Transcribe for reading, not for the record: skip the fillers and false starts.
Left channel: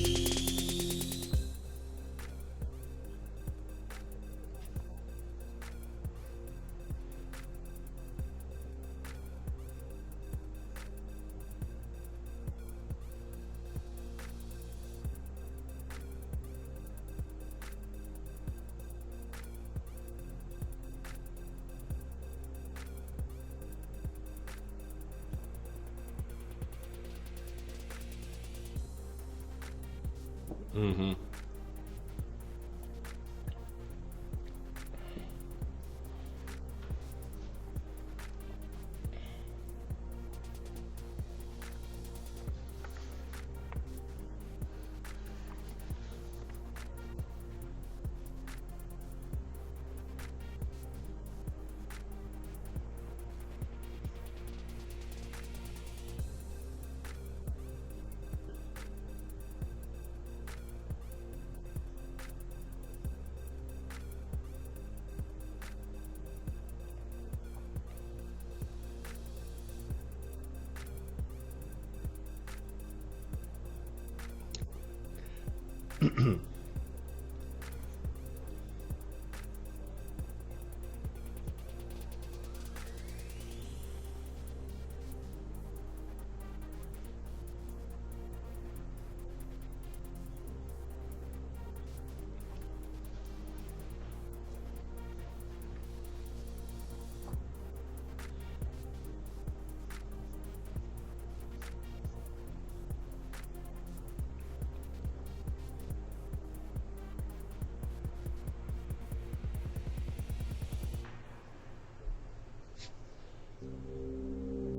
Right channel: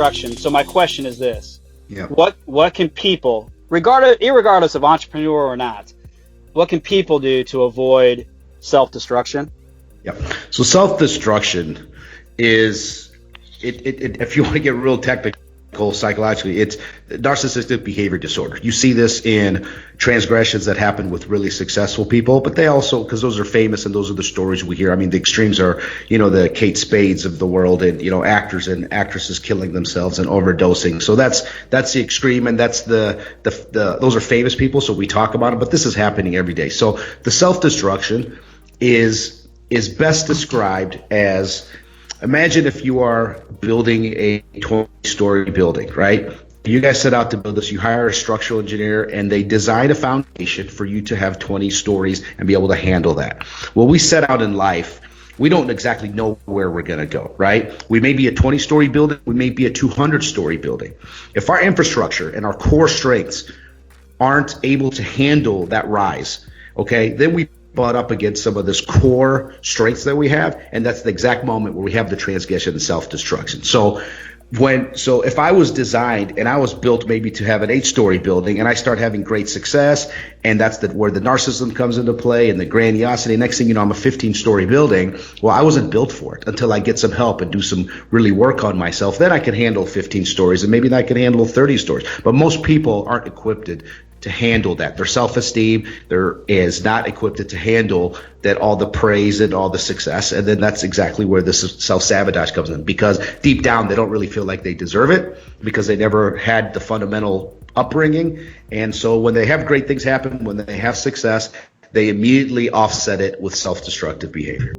self-destruction. So my question is this: Yeah. what can people, irregardless of entrepreneur or not, what can people do to avoid self-destruction? Yeah. So self-destruction is if you want to get real technical psychologically, it's narcissistic behavior disorder. You see this in transgressions that happen with really successful people, but they also, because those are famous and those are the stories we hear. I mean, the extremes are, the Kate Spades of the world, and actors and actresses killing themselves and overdosing. So that's the extreme, and that's the those are famous people, so we talk about it, but this is happening every day. So the self-destruction is best described as, imagine if you are building a 20-story building, right? You guys set out to build this, you hire a structural engineer, and they design a foundation for you to have 20 stories and be able to handle that. Well, we set out in life, we don't exactly know where we're going to go, right? We may be a 20-story building, we may be a 200-story building. If our infrastructure and our core strengths aren't able to handle that rise, okay, then we butt up against some of this core strengths that we have, and that's the exact moment where we have the transgression and self-destruction. So if I was designed and I was built maybe to have an 8-story building, and I start having great success, and that's where the narcissism comes into play and the grandiosity, next thing you know, I'm a 15-story building. Well, I wasn't built for it until I get some help and do some really work on myself. Then I can handle 15 stories, and maybe I can handle 30 stories. But most people aren't equipped to handle that. Their self-esteem is not equipped to handle that, all the praise and all the success. And then that's exactly where this self-sabotage comes in, because deep down they don't really feel like they deserve it, because they never had the fundamental upbringing. And so when they have great things happen, when they have success, they immediately offset it with self-destructive behavior.